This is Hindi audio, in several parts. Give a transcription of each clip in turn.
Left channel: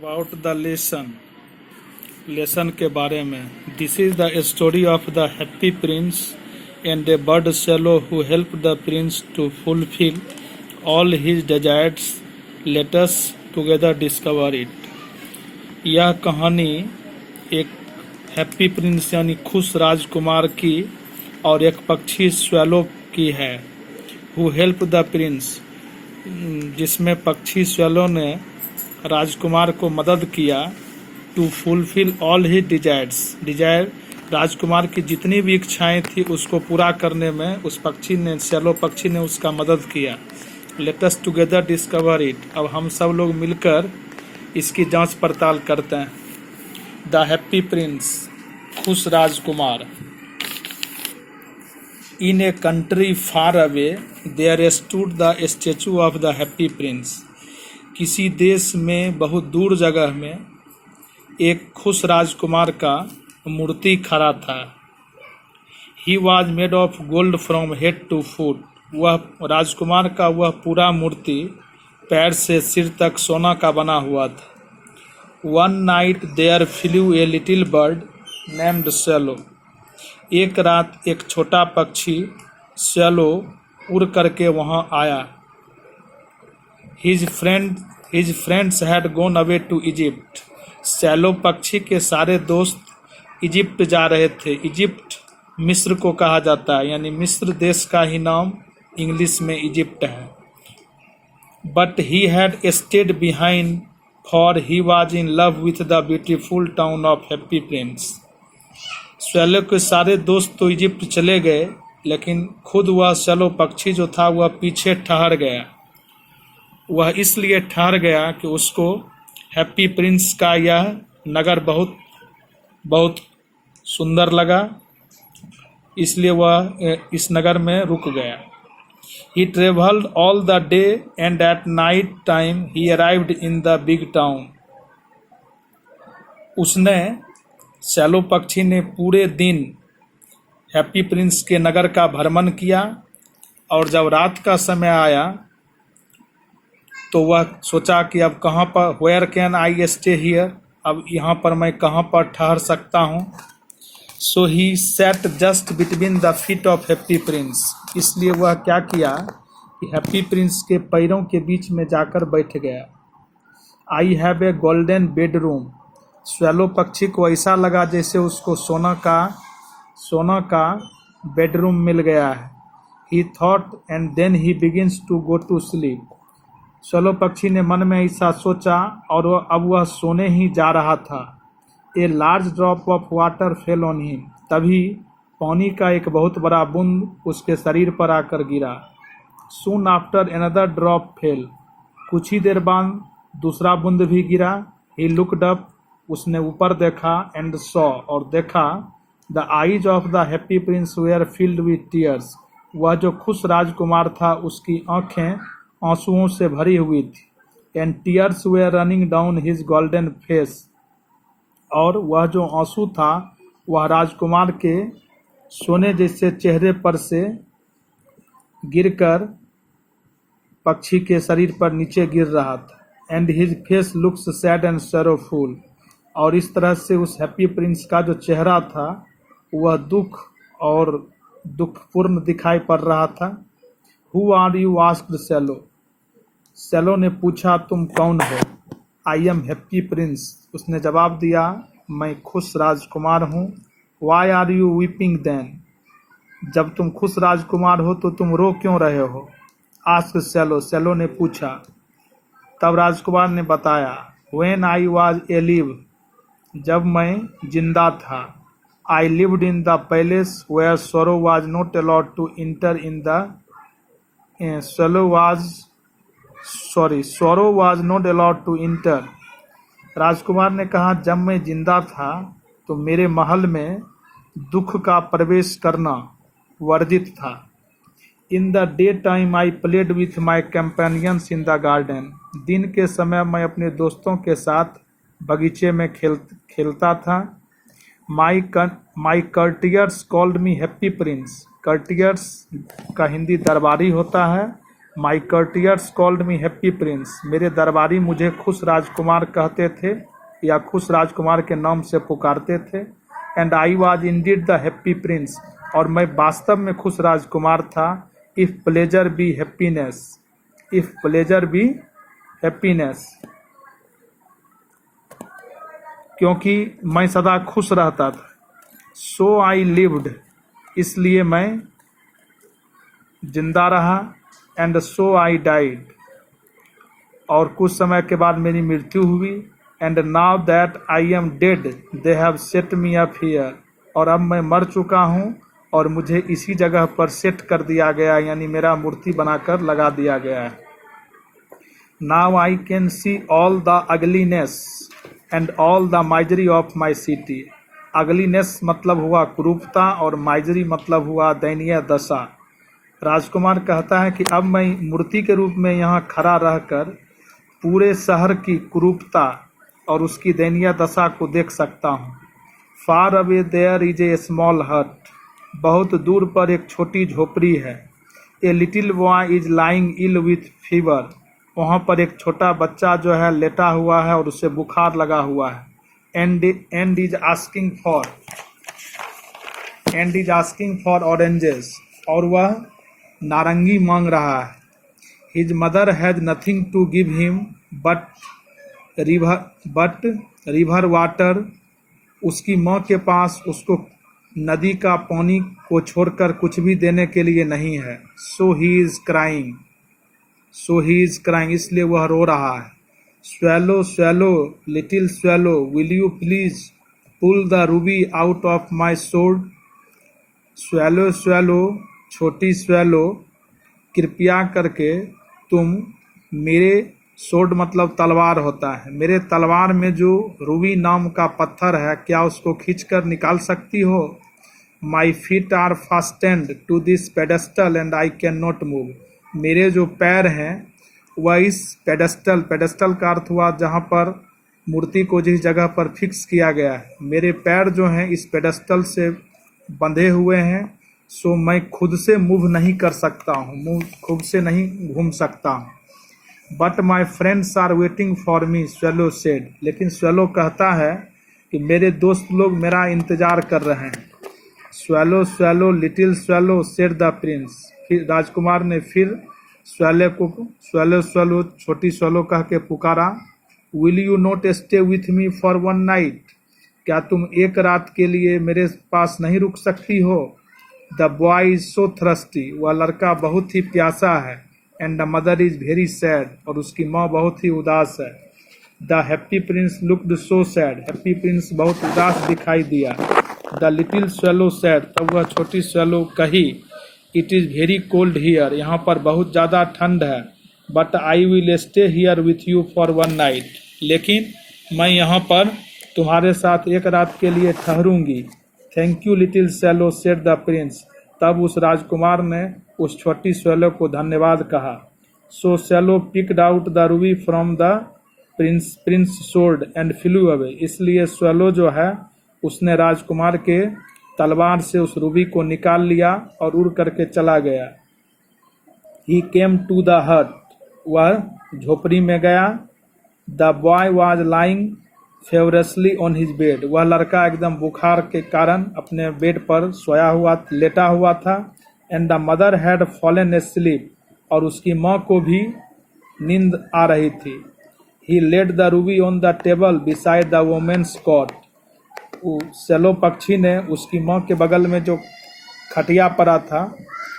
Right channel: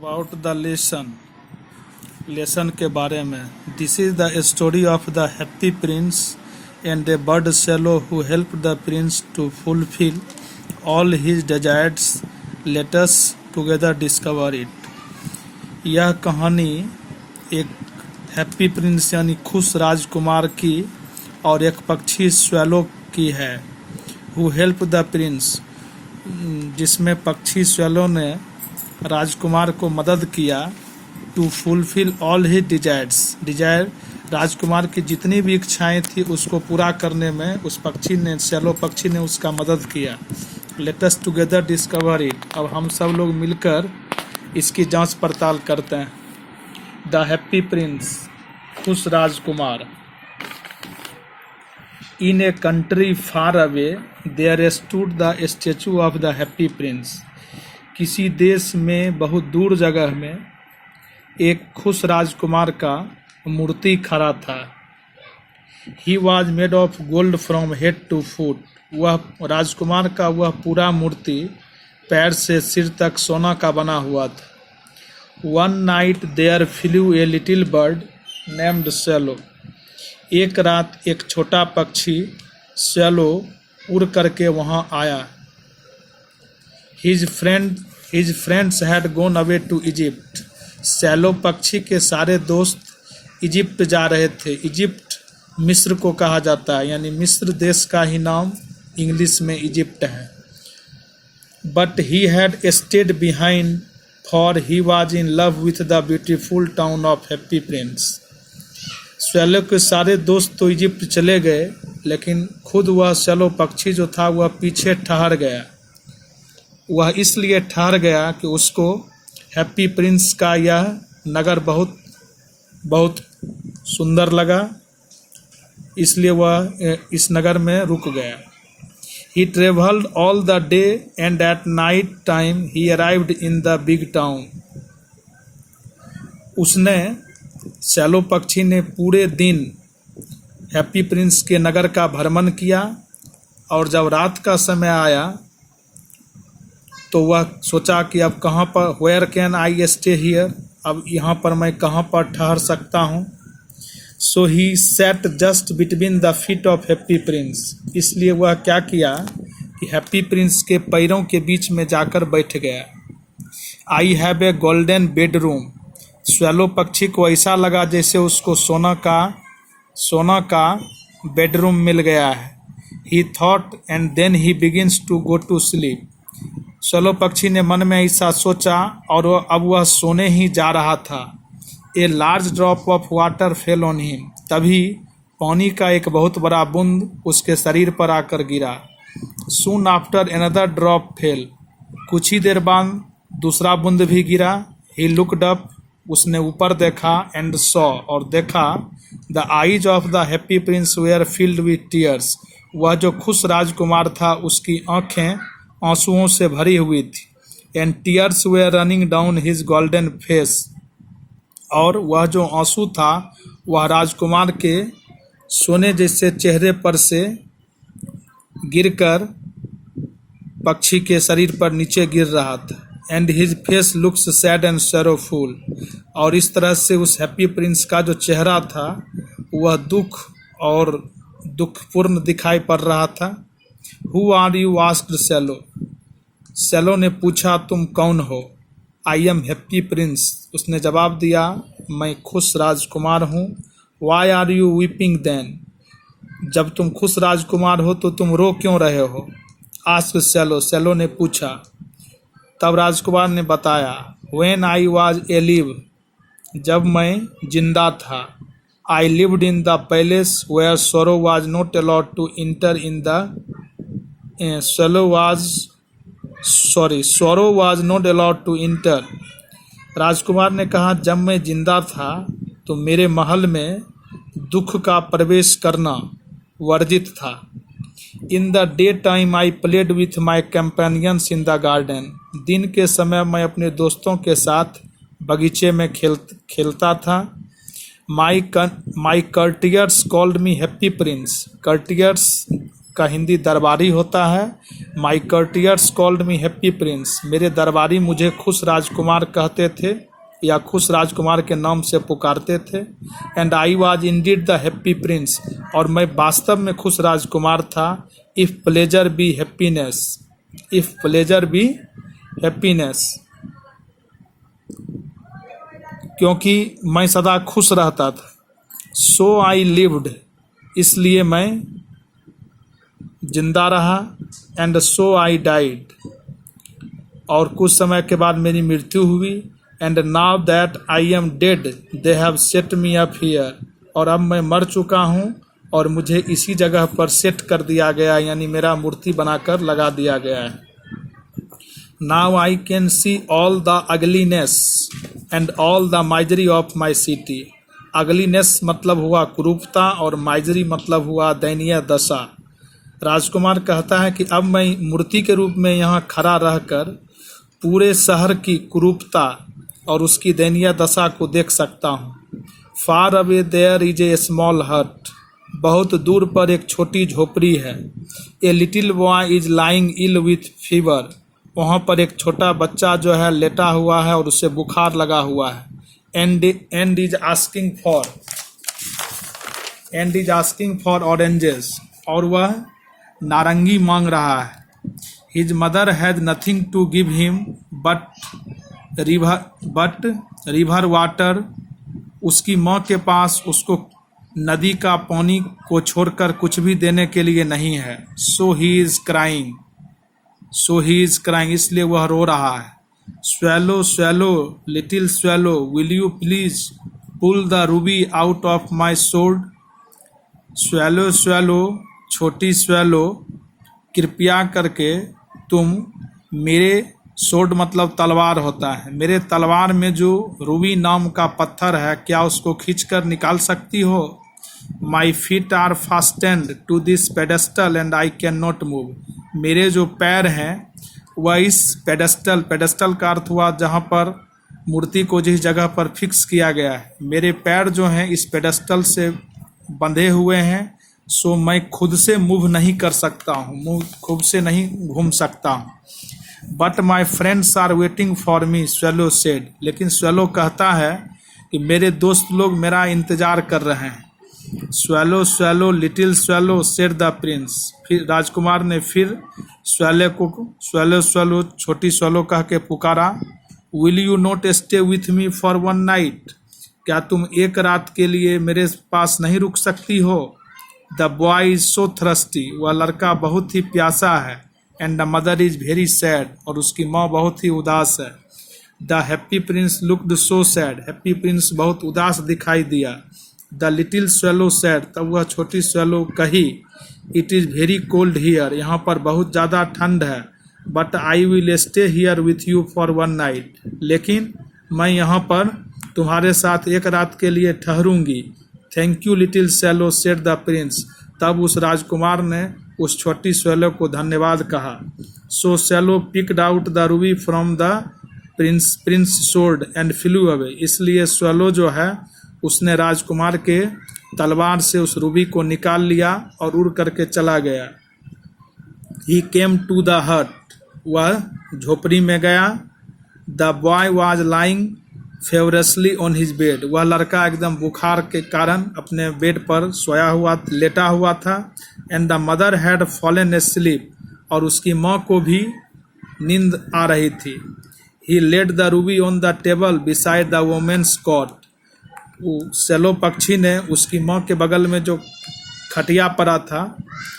अबाउट द लेसन के बारे में। This is the story of the happy prince and a bird swallow who help the prince to fulfil all his desires. Let us together discover it. यह कहानी एक हैप्पी प्रिंस यानी खुश राजकुमार की और एक पक्षी स्वेलो की है, हु हेल्प द प्रिंस, जिसमें पक्षी स्वेलो ने राजकुमार को मदद किया to fulfil all he desire. राजकुमार की जितनी भी इच्छाएं थी उसको पूरा करने में उस पक्षी ने, स्वेलो पक्षी ने उसका मदद किया। Late us together discover it. अब हम सब लोग मिलकर इसकी जांच पड़ताल करते हैं। द हैप्पी प्रिंस, खुश राजकुमार। In a country far away there stood the statue of the happy prince. किसी देश में बहुत दूर जगह में एक खुश राजकुमार का मूर्ति खड़ा था। He was made of gold from head to foot. वह राजकुमार का वह पूरा मूर्ति पैर से सिर तक सोना का बना हुआ था। One night there flew a little bird named swallow. एक रात एक छोटा पक्षी शेलो उड़ करके वहाँ आया। His friends had gone away to Egypt. Shallow पक्षी के सारे दोस्त इजिप्ट जा रहे थे। इजिप्ट मिस्र को कहा जाता है, यानी मिस्र देश का ही नाम इंग्लिश में इजिप्ट है। But he had stayed behind, for he was in love with the beautiful town of Happy Prince. Shallow के सारे दोस्त तो इजिप्ट चले गए, लेकिन खुद वह शेलो पक्षी जो था वह पीछे ठहर गया। वह इसलिए ठहर गया कि उसको हैप्पी प्रिंस का यह नगर बहुत बहुत सुंदर लगा, इसलिए वह इस नगर में रुक गया। He traveled all the day and at night time he arrived in the big town. उसने, शेलो पक्षी ने पूरे दिन हैप्पी प्रिंस के नगर का भ्रमण किया और जब रात का समय आया तो वह सोचा कि अब कहाँ पर, where can I stay here, अब यहाँ पर मैं कहाँ पर ठहर सकता हूँ। So he sat just between the feet of happy prince. इसलिए वह क्या किया कि हैप्पी प्रिंस के पैरों के बीच में जाकर बैठ गया। I have a golden bedroom. Swallow पक्षी को ऐसा लगा जैसे उसको सोना का बेडरूम मिल गया है। He thought and then he begins to go to sleep. Swallow पक्षी ने मन में ऐसा सोचा और अब वह सोने ही जा रहा था। A large drop of water fell on him. तभी पानी का एक बहुत बड़ा बूंद उसके शरीर पर आकर गिरा। Soon after another drop fell. कुछ ही देर बाद दूसरा बूंद भी गिरा। He looked up. उसने ऊपर देखा एंड सॉ, और देखा, the eyes of the happy prince were filled with tears. वह जो खुश राजकुमार था उसकी आंखें आंसुओं से भरी हुई थी। And tears were running down his golden face. और वह जो आंसू था वह राजकुमार के सोने जैसे चेहरे पर से गिरकर पक्षी के शरीर पर नीचे गिर रहा था। And his face looks sad and sorrowful. और इस तरह से उस हैप्पी प्रिंस का जो चेहरा था वह दुख और दुखपूर्ण दिखाई पड़ रहा था। Who are you asked swallow. Swallow ने पूछा, तुम कौन हो। I am happy prince. उसने जवाब दिया, मैं खुश राजकुमार हूँ। Why are you weeping then. जब तुम खुश राजकुमार हो तो तुम रो क्यों रहे हो। Asked swallow. शेलो ने पूछा। तब राजकुमार ने बताया, when I was alive. जब मैं जिंदा था। I lived in the palace where sorrow was not allowed to enter in the sorrow was not allowed to enter. राजकुमार ने कहा, जब मैं जिंदा था तो मेरे महल में दुख का प्रवेश करना वर्जित था। In the day time I played with my companions in the garden. दिन के समय मैं अपने दोस्तों के साथ बगीचे में खेलता था। माई कर्टियर्स कॉल्ड मी हैप्पी प्रिंस। कर्टियर्स का हिंदी दरबारी होता है। माई कर्टियर्स कॉल्ड मी हैप्पी प्रिंस, मेरे दरबारी मुझे खुश राजकुमार कहते थे या खुश राजकुमार के नाम से पुकारते थे। And I was indeed the happy prince, और मैं वास्तव में खुश राजकुमार था। If pleasure be happiness, if pleasure be happiness, क्योंकि मैं सदा खुश रहता था। सो आई लिव्ड, इसलिए मैं जिंदा रहा। एंड सो आई डाइड, और कुछ समय के बाद मेरी मृत्यु हुई। And now that I am dead they have set me up here, और अब मैं मर चुका हूँ और मुझे इसी जगह पर सेट कर दिया गया, यानी मेरा मूर्ति बनाकर लगा दिया गया है। Now I can see all the ugliness and all the misery of my city. Ugliness मतलब हुआ कुरूपता और माइजरी मतलब हुआ दयनीय दशा। राजकुमार कहता है कि अब मैं मूर्ति के रूप में यहाँ खड़ा रहकर पूरे शहर की कुरूपता और उसकी दयनीय दशा को देख सकता हूँ। Far away there is a small hut, बहुत दूर पर एक छोटी झोपड़ी है। A little boy is lying ill with fever, वहाँ पर एक छोटा बच्चा जो है लेटा हुआ है और उसे बुखार लगा हुआ है। And is asking for oranges, और वह नारंगी मांग रहा है। His mother has nothing to give him but river water, उसकी माँ के पास उसको नदी का पानी को छोड़कर कुछ भी देने के लिए नहीं है। सो ही इज क्राइंग, इसलिए वह रो रहा है। Swallow swallow little swallow will you please pull the ruby out of my sword. Swallow swallow छोटी स्वैलो, कृपया करके तुम मेरे सोर्ड मतलब तलवार होता है, मेरे तलवार में जो रूबी नाम का पत्थर है, क्या उसको खींचकर निकाल सकती हो। My feet are fastened to this pedestal and I can not move, मेरे जो पैर हैं वह इस पेडेस्टल का अर्थ हुआ जहाँ पर मूर्ति को जिस जगह पर फिक्स किया गया है, मेरे पैर जो हैं इस पेडेस्टल से बंधे हुए हैं। सो मैं खुद से मूव नहीं कर सकता हूँ, खुद से नहीं घूम सकता हूँ। But my friends are waiting for me, swallow said, लेकिन स्वैलो कहता है कि मेरे दोस्त लोग मेरा इंतजार कर रहे हैं। Swallow swallow little swallow said the Prince, फिर राजकुमार ने फिर स्वैलो छोटी स्वैलो कह के पुकारा। Will you not stay with me for one night, क्या तुम एक रात के लिए मेरे पास नहीं रुक सकती हो। The boy is so thirsty, वह लड़का बहुत ही प्यासा है। And the mother is very sad, और उसकी माँ बहुत ही उदास है। The happy Prince looked so sad, happy Prince बहुत उदास दिखाई दिया। द लिटिल स्वैलो सैड, तब वह छोटी स्वैलो कही, it is very cold here, यहाँ पर बहुत ज़्यादा ठंड है। But I will stay here with you for one night, लेकिन मैं यहाँ पर तुम्हारे साथ एक रात के लिए ठहरूंगी। Thank you little swallow said the prince, तब उस राजकुमार ने उस छोटी स्वैलो को धन्यवाद कहा। So swallow picked out the ruby from the prince sword and flew away, इसलिए स्वैलो जो है उसने राजकुमार के तलवार से उस रूबी को निकाल लिया और उड़ करके चला गया। ही केम टू द हट, वह झोपड़ी में गया। The boy was lying feverishly on his bed, वह लड़का एकदम बुखार के कारण अपने बेड पर लेटा हुआ था। And the mother had fallen asleep, और उसकी माँ को भी नींद आ रही थी। He laid the ruby on the table beside the women's cot, swallow पक्षी ने उसकी माँ के बगल में जो खटिया पड़ा था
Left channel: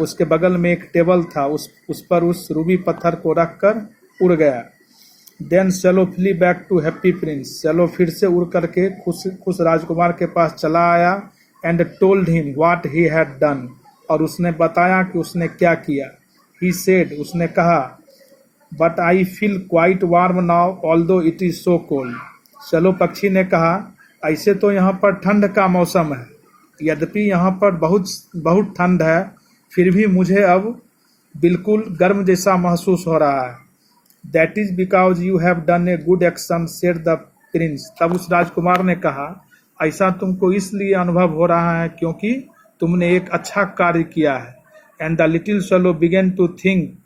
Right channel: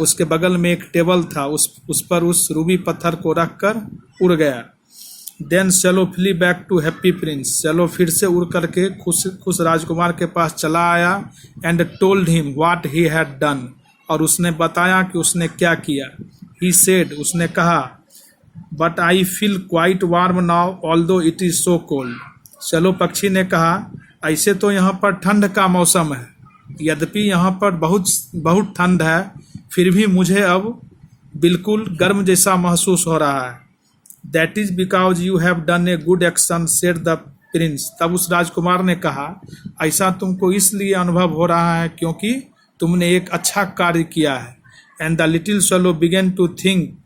उसके बगल में एक टेबल था, उस पर उस रूबी पत्थर को रखकर उड़ गया। Then swallow flew back to happy prince, swallow फिर से उड़ करके खुश राजकुमार के पास चला आया। And told him what he had done, और उसने बताया कि उसने क्या किया। ही सेड, उसने कहा, but I feel quite warm now although it is so cold. Swallow पक्षी ने कहा, ऐसे तो यहाँ पर ठंड का मौसम है, यद्यपि यहाँ पर बहुत ठंड है, फिर भी मुझे अब बिल्कुल गर्म जैसा महसूस हो रहा है। That is because you have done a good action said the prince. तब उस राजकुमार ने कहा, ऐसा तुमको इसलिए अनुभव हो रहा है क्योंकि तुमने एक अच्छा कार्य किया है। And the little swallow began to think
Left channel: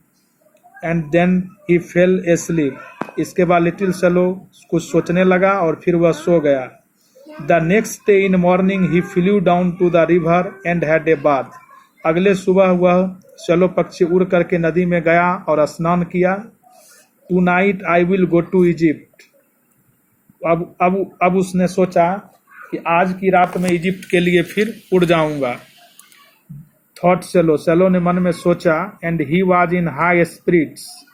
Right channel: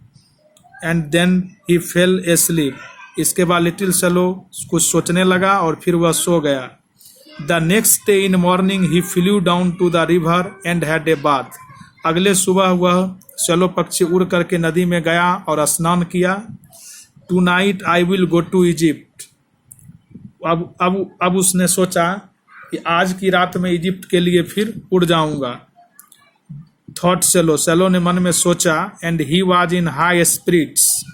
and then he fell asleep. इसके बाद लिटिल स्वैलो कुछ सोचने लगा और फिर वह सो गया। The next day in morning he flew down to the river and had a bath. अगले सुबह वह स्वैलो पक्षी उड़ करके नदी में गया और स्नान किया। Tonight I will go to Egypt. अब उसने सोचा कि आज की रात में इजिप्ट के लिए फिर उड़ जाऊंगा। थॉट सेलो, सेलो ने मन में सोचा। And he was in high spirits,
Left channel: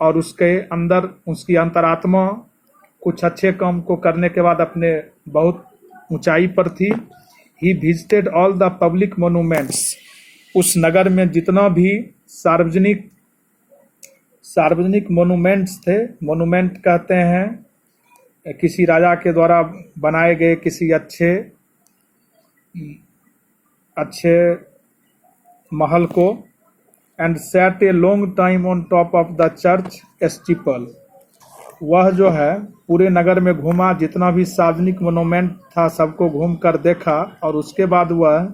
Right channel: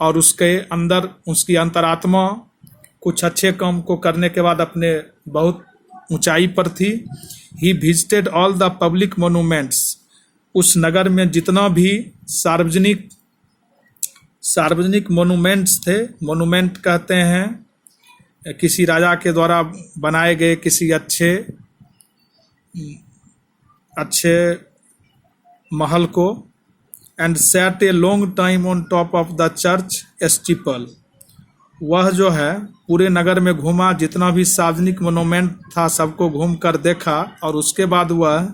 और उसके अंदर उसकी अंतरात्मा कुछ अच्छे काम को करने के बाद अपने बहुत ऊंचाई पर थी। He visited all the public monuments. उस नगर में जितना भी सार्वजनिक मोनूमेंट्स थे, मोनूमेंट कहते हैं किसी राजा के द्वारा बनाए गए किसी अच्छे महल को। And set a long time on top of the church steeple. वह जो है पूरे नगर में घूमा, जितना भी सार्वजनिक मोनूमेंट था सबको घूम कर देखा, और उसके बाद वह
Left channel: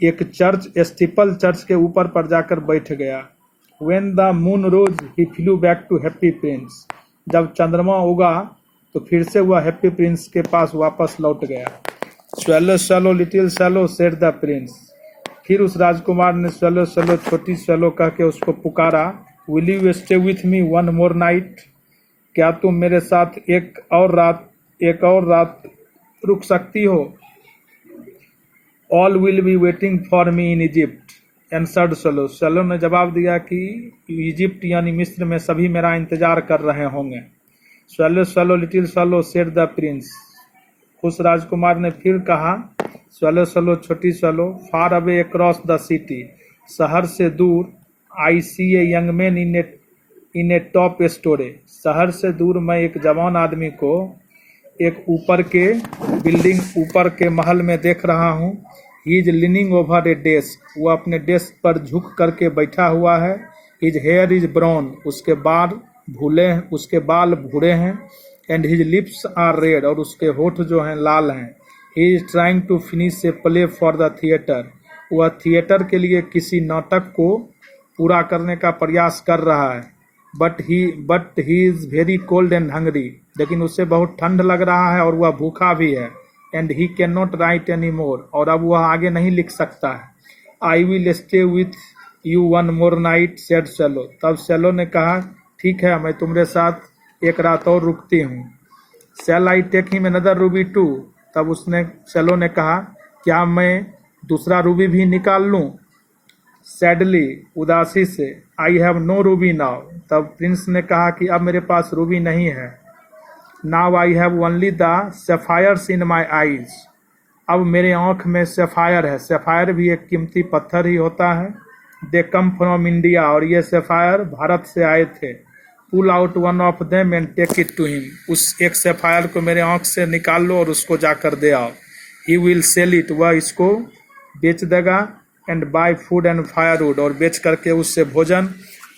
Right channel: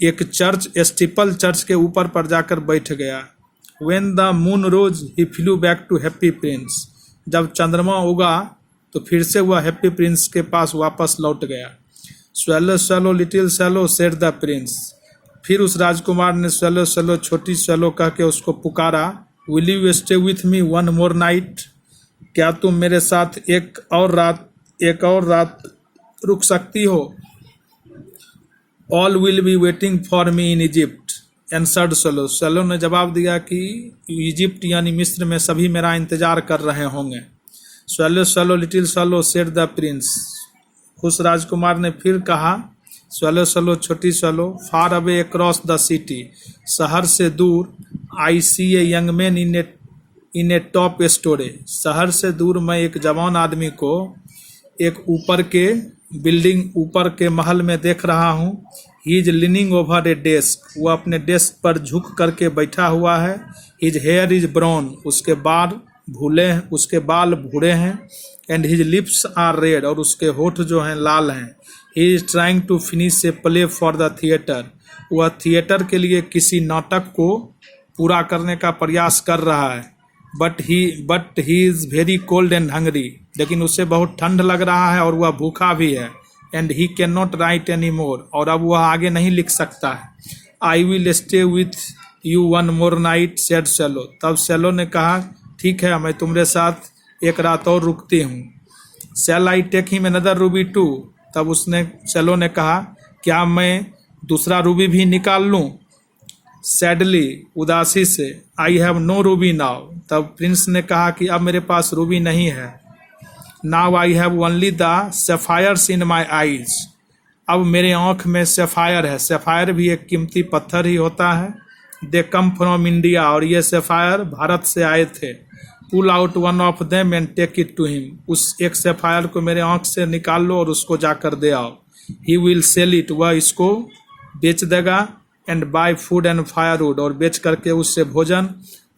एक चर्च स्टीपल चर्च के ऊपर पर जाकर बैठ गया। When the moon rose, he flew back to Happy Prince. जब चंद्रमा उगा तो फिर से वह हैप्पी प्रिंस के पास वापस लौट गया। Swallow, swallow, little swallow, said the prince. फिर उस राजकुमार ने swallow, swallow, छोटी swallow कह के उसको पुकारा। Will you stay with me one more night? क्या तुम मेरे साथ एक और रात रुक सकती हो? All will be waiting for me in Egypt. Answered swallow, swallow ने जवाब दिया कि इजिप्ट यानी मिस्र में सभी मेरा इंतजार कर रहे होंगे। Swallow swallow little swallow said the prince. उस राजकुमार ने फिर कहा, स्वेलो स्वेलो छोटी swallow, far away across the city. शहर से दूर, I see a young man in a top storey. शहर से दूर मैं एक जवान आदमी को एक ऊपर के महल में देख रहा हूँ। He is leaning over a desk. वो अपने डेस्क पर झुक करके बैठा हुआ है। His hair is brown. उसके बाल भूरे हैं। And his lips are red. और उसके होठ जो हैं लाल हैं। He is trying to finish a play for the theatre. वह थिएटर के लिए किसी नाटक को पूरा करने का प्रयास कर रहा है। But he is very cold and hungry. लेकिन उसे बहुत ठंड लग रहा है और वह भूखा भी है। And he can not write any more. और अब वह आगे नहीं लिख सकता है। I will stay with you one more night said swallow. तब सेलो ने कहा, ठीक है, मैं तुम्हारे साथ एक रात और रुकती हूँ। Shall I take him another ruby too. तब सेलो ने कहा, क्या मैं दूसरा रूबी भी निकाल लूँ? सैडली, उदासी से, I have no ruby now. तब प्रिंस ने कहा कि अब मेरे पास रूबी नहीं है। Now I have only the sapphires in my eyes. अब मेरे आँख में सेफायर है। सेफायर भी एक कीमती पत्थर ही होता है। They come from India. और ये सेफायर भारत से आए थे। Pull out one of them and take it to him. उस एक सेफायर को मेरे आँख से निकाल लो और उसको जाकर दे आओ। He will sell it. वह इसको बेच देगा। And buy food and firewood. और बेच करके उससे भोजन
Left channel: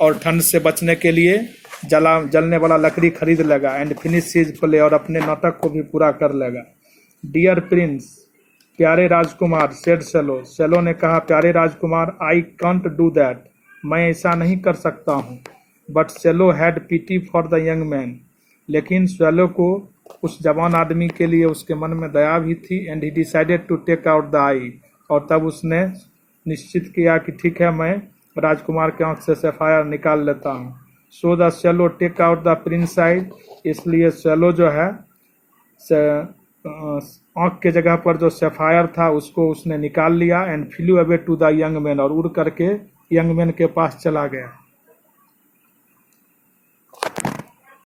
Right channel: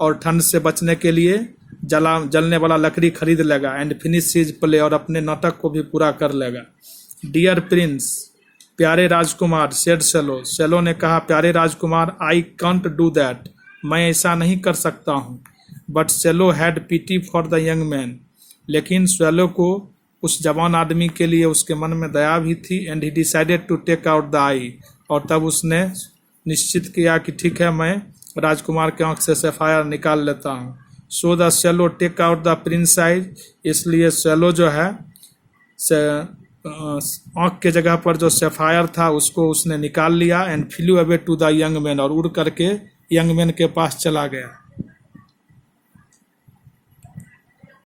और ठंड से बचने के लिए जलने वाला लकड़ी खरीद लेगा। And finish his play. और अपने नाटक को भी पूरा कर लेगा। डियर प्रिंस, प्यारे राजकुमार, सेड सेलो। सेलो ने कहा, प्यारे राजकुमार, आई कांट डू दैट। मैं ऐसा नहीं कर सकता हूँ। But swallow had pity for the young man. लेकिन सेलो को उस जवान आदमी के लिए उसके मन में दया भी थी। And he decided to take out the eye. और तब उसने निश्चित किया कि ठीक है, मैं राजकुमार के आँख से सफायर निकाल लेता हूँ। So the swallow take out the prince eyes. इसलिए सेलो जो है आँख के जगह पर जो सफायर था उसको उसने निकाल लिया। And flew away to the young man. और उड़ करके यंग मैन के पास चला गया।